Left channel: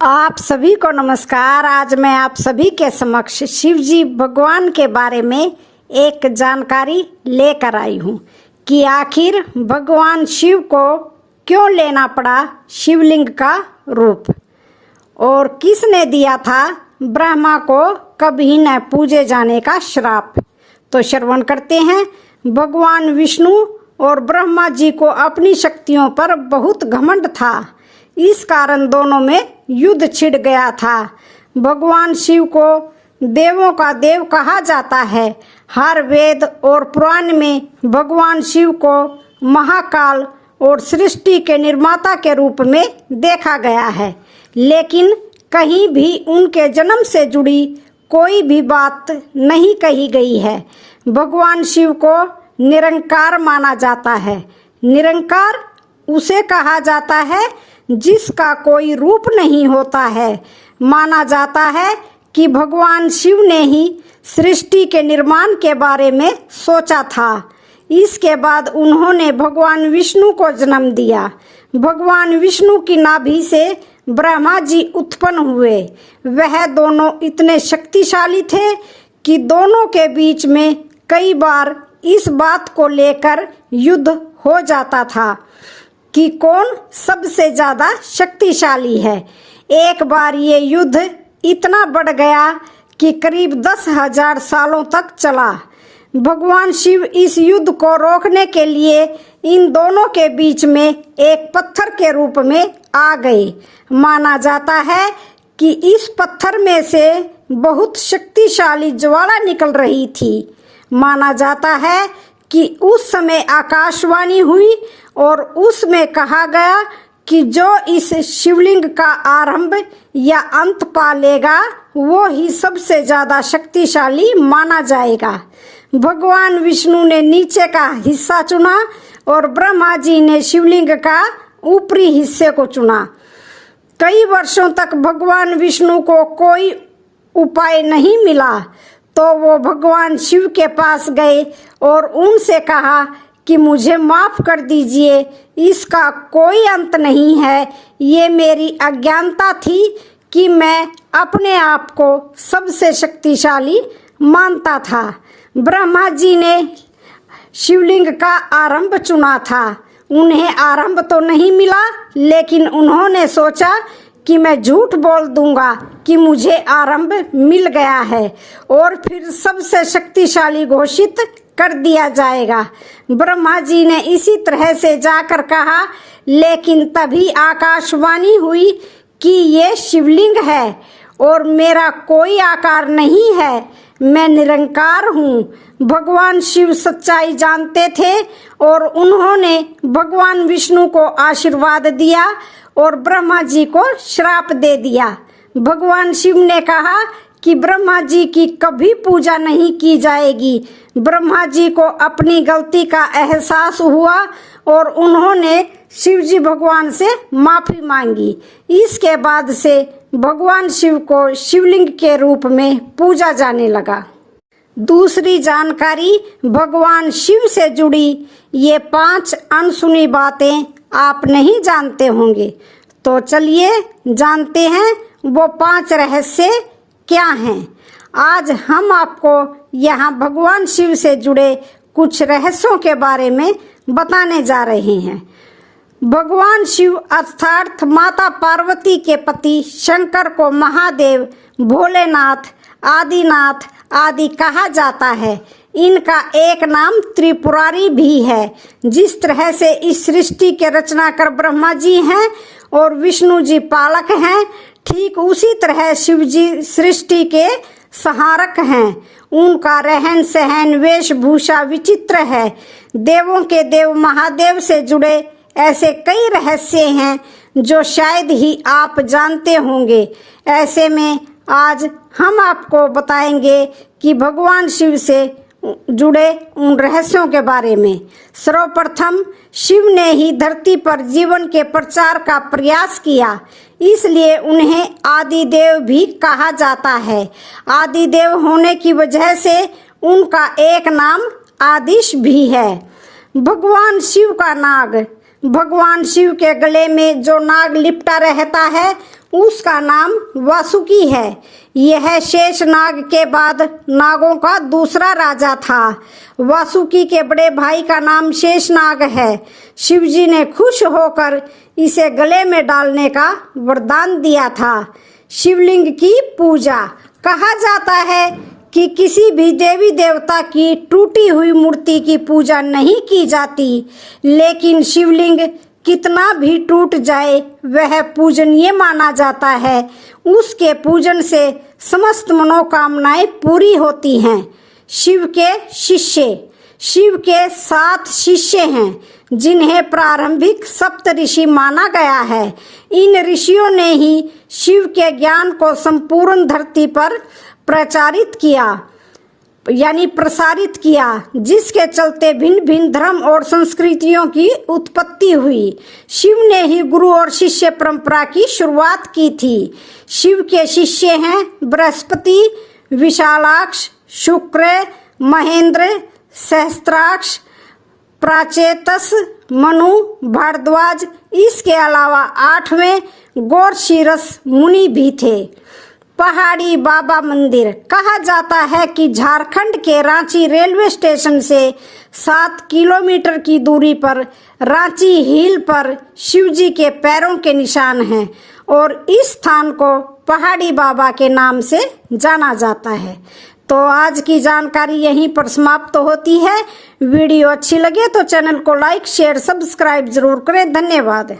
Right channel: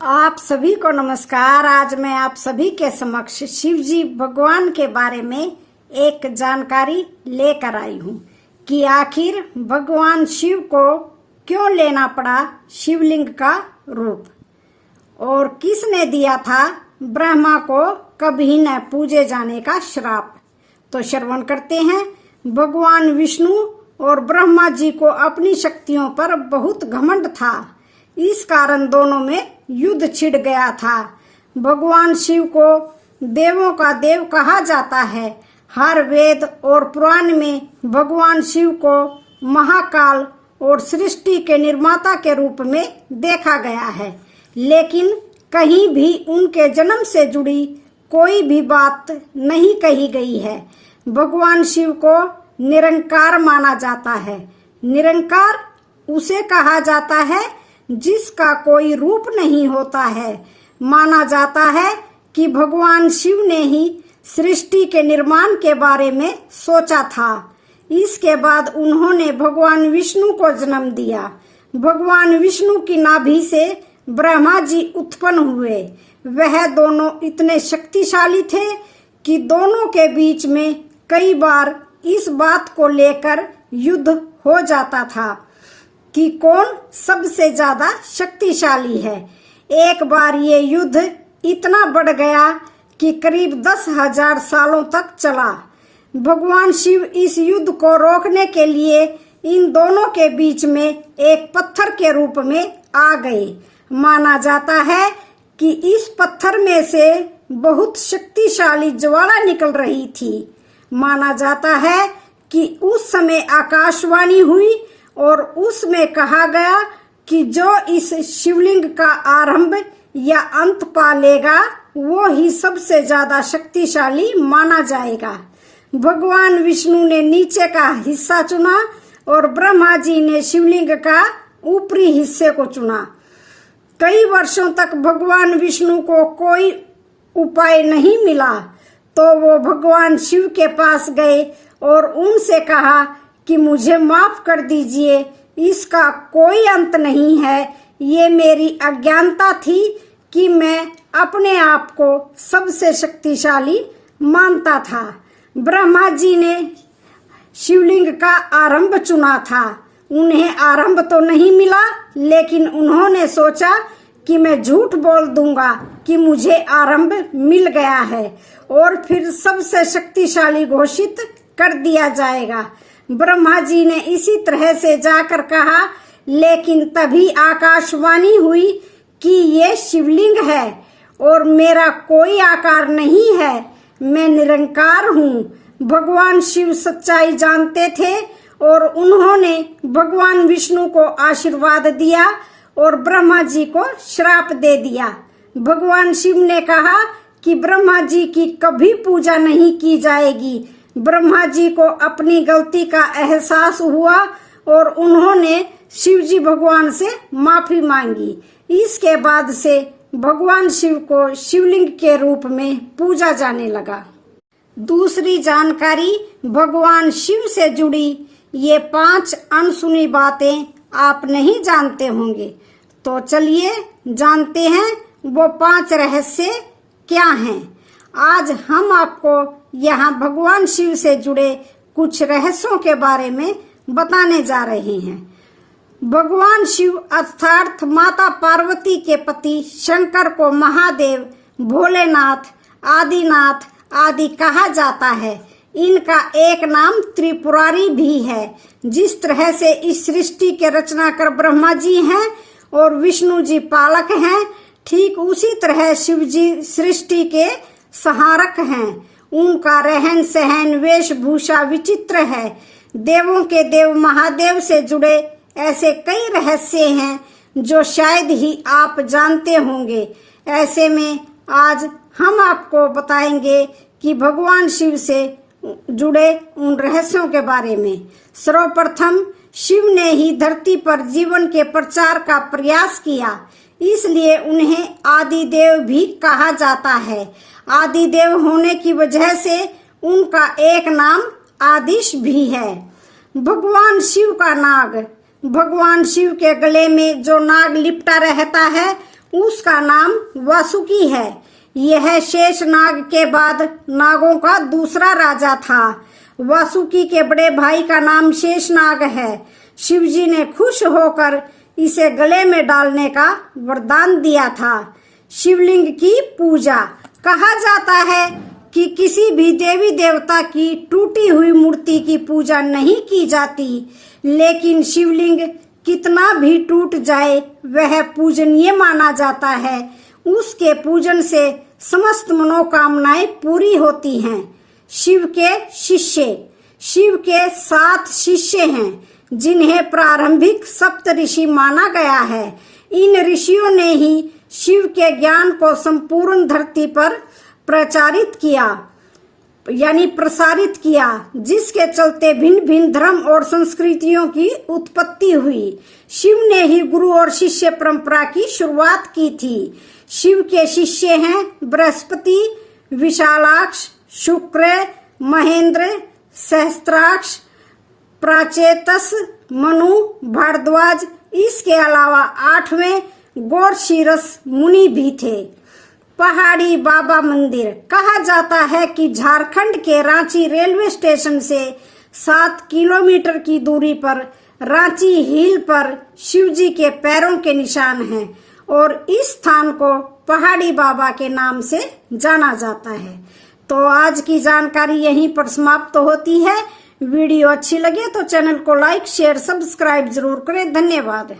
आप सभी को नमस्कार। आज मैं आप सभी के समक्ष शिव जी भगवान के बारे में एक जानकारी लेकर आई हूँ कि आखिर भगवान शिव को क्यों लेना पड़ा शिवलिंग का रूप और किसने दिया था ब्रह्मा को कभी न पूजे जाने का श्राप। तो श्रवण करते हैं। भगवान विष्णु और ब्रह्मा जी को अपनी शक्तियों पर बहुत घमंड था। इस कारण दोनों में युद्ध छिड़ गया था। भगवान शिव को देवों का देव कहा जाता है। हर वेद और पुराण में भगवान शिव को महाकाल और सृष्टि के निर्माता के रूप में देखा गया है, लेकिन कहीं भी उनके जन्म से जुड़ी कोई भी बात नहीं कही गई है। भगवान शिव को निरंकार माना जाता है। निरंकार उसे कहा जाता है जिसका कोई रूप नहीं होता है। माना जाता है कि भगवान शिव ने ही सृष्टि के निर्माण के बारे में सोचा था। इसके बाद उन्होंने भगवान विष्णु को जन्म दिया। भगवान विष्णु की नाभि से ब्रह्मा जी उत्पन्न हुए। वह दोनों इतने शक्तिशाली थे कि दोनों के बीच में कई बार इस बात को लेकर युद्ध हो जाता था कि कौन सबसे ज्यादा शक्तिशाली है। एक बार ये युद्ध इतना बढ़ गया कि करीब 10,000 सालों तक चला। भगवान शिव इस युद्ध को रोकने के लिए इन दोनों के बीच में एक पत्थर के रूप में आ गए। माना जाता है कि इस पत्थर में से बहुत शक्तिशाली ज्वाला निकल रही थी। माना जाता है कि उस समय आकाशवाणी हुई और उसमें कहा गया कि जो इस शिवलिंग का आरंभ या अंत पा लेगा वो ही सबसे ज्यादा शक्तिशाली माना जाएगा। भगवान विष्णु ने नीचे का हिस्सा चुना और ब्रह्मा जी ने शिवलिंग का ऊपरी हिस्से को चुना। कई वर्षों तक भगवान विष्णु को कोई उपाय नहीं मिला, तो वो भगवान शिव के पास गए और उनसे कहा कि मुझे माफ कर दीजिए, इसका कोई अंत नहीं है। ये मेरी अज्ञानता थी कि मैं अपने आप को सबसे शक्तिशाली मानता था। ब्रह्मा जी ने शिवलिंग का आरंभ चुना था। उन्हें आरंभ तो नहीं मिला, लेकिन उन्होंने सोचा कि मैं झूठ बोल दूंगा कि मुझे आरंभ मिल गया है और फिर सबसे शक्तिशाली घोषित कर दिया जाएगा। ब्रह्मा जी ने इसी तरह से जाकर कहा, लेकिन तभी आकाशवाणी हुई कि ये शिवलिंग है और मेरा कोई आकार नहीं है, मैं निरंकार हूँ। भगवान शिव सच्चाई जानते थे और उन्होंने भगवान विष्णु को आशीर्वाद दिया और ब्रह्मा जी को श्राप दे दिया। भगवान शिव ने कहा कि ब्रह्मा जी की कभी पूजा नहीं की जाएगी। ब्रह्मा जी को अपनी गलती का एहसास हुआ और उन्होंने शिव जी भगवान से माफी मांगी। इसके बाद से भगवान शिव को शिवलिंग के रूप में पूजा जाने लगा। दूसरी जानकारी भगवान शिव से जुड़ी ये 5 अनसुनी बातें आप नहीं जानते होंगे, तो चलिए जानते हैं वो 5 रहस्य क्या हैं। आज हम आपको यहाँ भगवान शिव से जुड़े कुछ रहस्यों के बारे में बताने जा रहे हैं। भगवान शिव अर्थात माता पार्वती के पति शंकर को महादेव, भोलेनाथ, आदिनाथ आदि कहा जाता है। इनका एक नाम त्रिपुरारी भी है। जिस तरह से इस सृष्टि के रचनाकार ब्रह्मा जी हैं और विष्णु जी पालक हैं, ठीक उसी तरह शिव जी सृष्टि के सहारक हैं। उनका रहन सहन वेशभूषा विचित्र है। देवों के देव महादेव से जुड़े ऐसे कई रहस्य हैं जो शायद ही आप जानते होंगे। ऐसे में आज हम आपको बताएंगे कि भगवान शिव से जुड़े उन रहस्यों के बारे में। सर्वप्रथम शिव ने ही धरती पर जीवन के प्रचार का प्रयास किया, इसलिए उन्हें आदिदेव भी कहा जाता है। आदिदेव होने की वजह से उनका एक नाम आदिश भी है। भगवान शिव का नाग, भगवान शिव के गले में जो नाग लिपटा रहता है उसका नाम वासुकी है। यह शेषनाग के बाद नागों का दूसरा राजा था। वासुकी के बड़े भाई का नाम शेषनाग है। शिवजी ने खुश होकर इसे गले में डालने का वरदान दिया था। शिवलिंग की पूजा। कहा जाता है कि किसी भी देवी देवता की टूटी हुई मूर्ति की पूजा नहीं की जाती, लेकिन शिवलिंग कितना भी टूट जाए वह पूजनीय माना जाता है। उसके पूजन से समस्त मनोकामनाएं पूरी होती हैं। शिव के शिष्य। शिव के 7 शिष्य हैं जिन्हें प्रारंभिक सप्त ऋषि माना गया है। इन ऋषियों ने ही शिव के ज्ञान को संपूर्ण धरती पर प्रसारित किया, जिसके चलते भिन्न भिन्न धर्म और संस्कृतियों की उत्पत्ति हुई। शिव ने ही गुरु और शिष्य परंपरा की शुरुआत की थी। शिव के शिष्य हैं बृहस्पति, विशालाक्ष, शुक्र, महेंद्र, सहस्त्राक्ष, प्राचेतस, मनु, भारद्वाज। इसके अलावा 8वें गौरशीरस मुनि भी थे। पहाड़ी बाबा मंदिर। कहा जाता है कि झारखंड के रांची रेलवे स्टेशन से 7 किलोमीटर की दूरी पर रांची हिल पर शिवजी के पैरों के निशान हैं और इस स्थान को पहाड़ी बाबा के नाम से जाना जाता है। तो आज की जानकारी यहीं पर समाप्त होती है। वीडियो अच्छी लगे तो चैनल को लाइक, शेयर, सब्सक्राइब जरूर करें। धन्यवाद।